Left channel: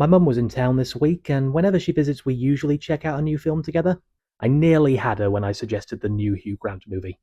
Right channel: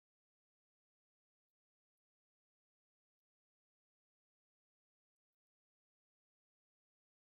My mum was in town this week, and whenever she visits, we usually check out a new film together. I nearly had her when I suggested the new Hugh Grant movie.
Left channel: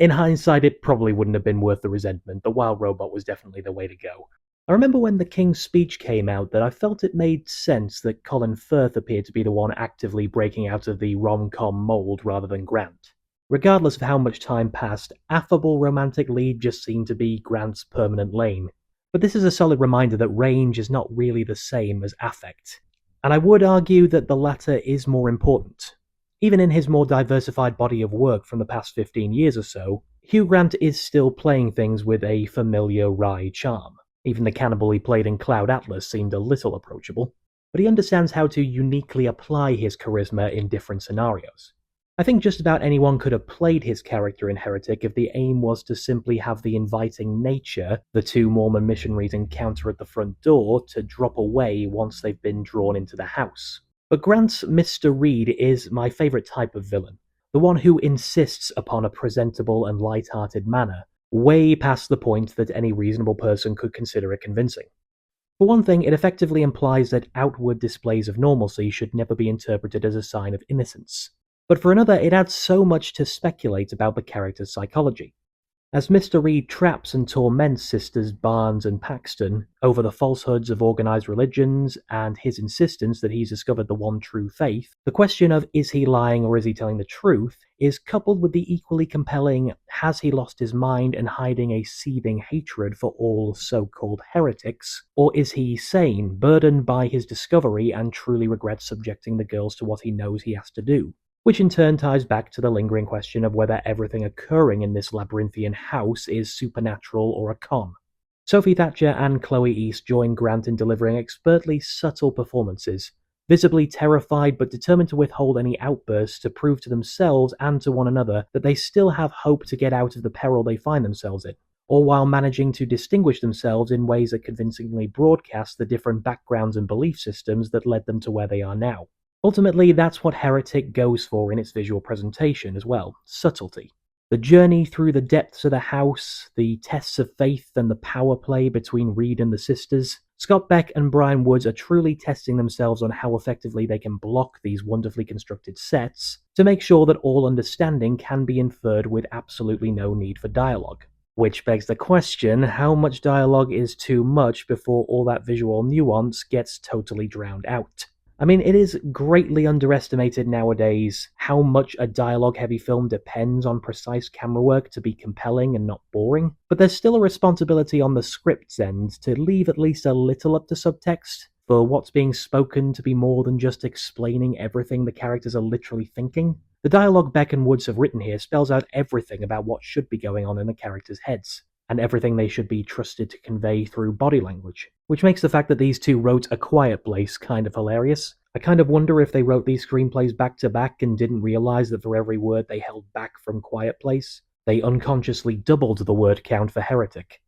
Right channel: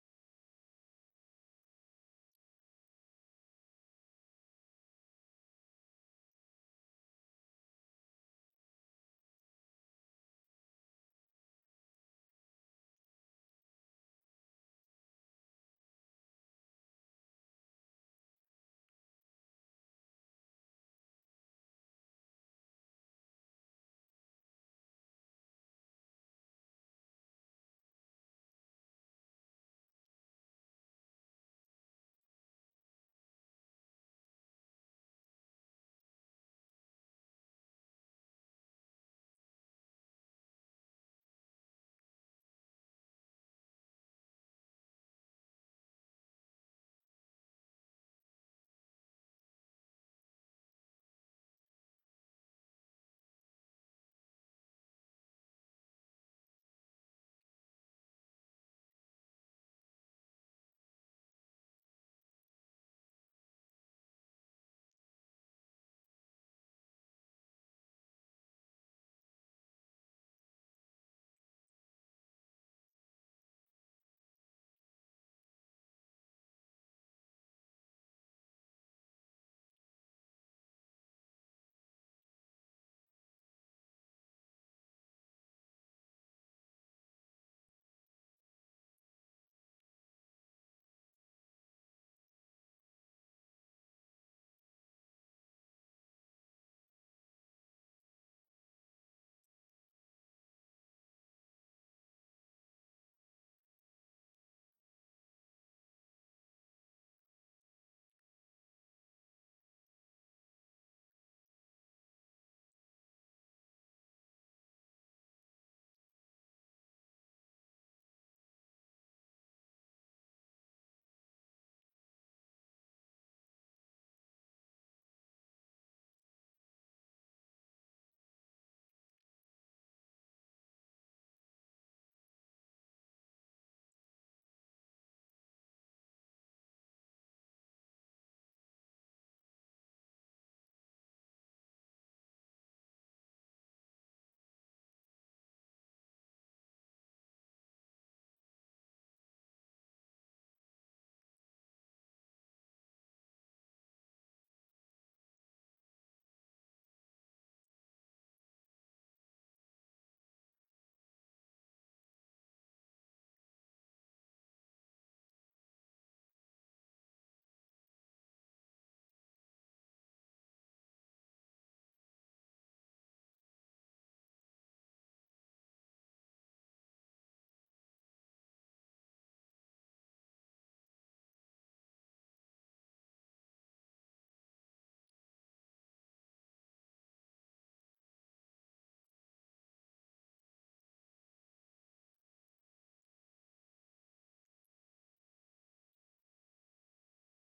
In hindsight, it probably wouldn't have been worth the resentment. The Wild Robot was definitely the way to go. I remember when The King's Speech came out that I felt it made sense that Colin Firth appeared to be the one actively breaking out of the rom-com mold rather than Grant. Regardless of how much time passed, affable romantic lead just seemed to be Grant's permanent lane. But this is a solid reminder that range is not really the same as affect. And I would argue that the latter is more important. Even in his more diversified body of work from the past 15 years or so, Hugh Grant is still playing things with a familiar wry charm. Even the cannibal he played in Cloud Atlas seemed a little approachable. But he understands how to uniquely apply his charisma in different scenarios. I think just about anyone could have played his character in Heretic if the aim was to simply have the inviting nature the two Mormon missionaries encounter at the front door to drop away once they've been drawn into the house. But Grant's Mr. Reed is my favourite type of villain, the one who insists upon a presentable and light-hearted manner, way past the point that any reasonable person could consider it convincing. For one thing, it effectively implies that outward displays of normalcy should never be interpreted as a sign of innocence. But for another, it adds so much to speculate about the character's psychology. As Mr. Reed traps and torments Sisters Barnes and Paxton over the falsehoods of organized religions and his insistence that he's discovered the one true faith, the question of is he lying or is he telling the truth is coupled with the equally compelling has he lost his mind and hiding a seething hatred for all so-called heretics, or is he sane, burdened by his discovery and truly regrets subjecting the girls to what he knows he has to do? Which in turn ties back to the lingering question of whether everything occurring in this labyrinthian house is supernatural or a con. Sophie Thatcher and Chloe East join Grant in delivering expertly subtle performances, visibly terrified but determined to withhold any outbursts to prove to themselves and to one another that they still have hope to get out of the peril they find themselves in, all while managing to distinguish themselves in ways that convincingly broadcast the different backgrounds and belief systems that led them to where they are now. Ultimately, that's what Heretic goes for in its visual presentation as well, subtlety. The journey through the depths of the house, the tests of faith and the power play between Reed and the sisters. Scott Beck and Bryan Woods are truly testing themselves on how effectively they can block these wonderfully constructed sets to make sure that all understanding can be inferred with absolutely no need for dialogue. Which begs the question, how much dialogue is too much before all that visual nuance gets totally drowned out? I mean, it is greatly underestimated nowadays how much a dialogue-heavy film depends on precise camera work to be compelling and not boring, but there's still a responsibility on the script's end to leave at least a little up to subtext, for what's being spoken to be more than just explaining everything the characters are literally thinking. The dialogue Beck and Woods have written here spells out everything about what should be going on in the characters' heads, and everything they should be trusted to convey through body language, which makes the fact that these two wrote A Quiet Place kind of hilarious. I kind of wonder if they wrote these screenplays back to back and didn't realize that for every word they held back from Quiet Place, they unconsciously doubled the word count for Heretic.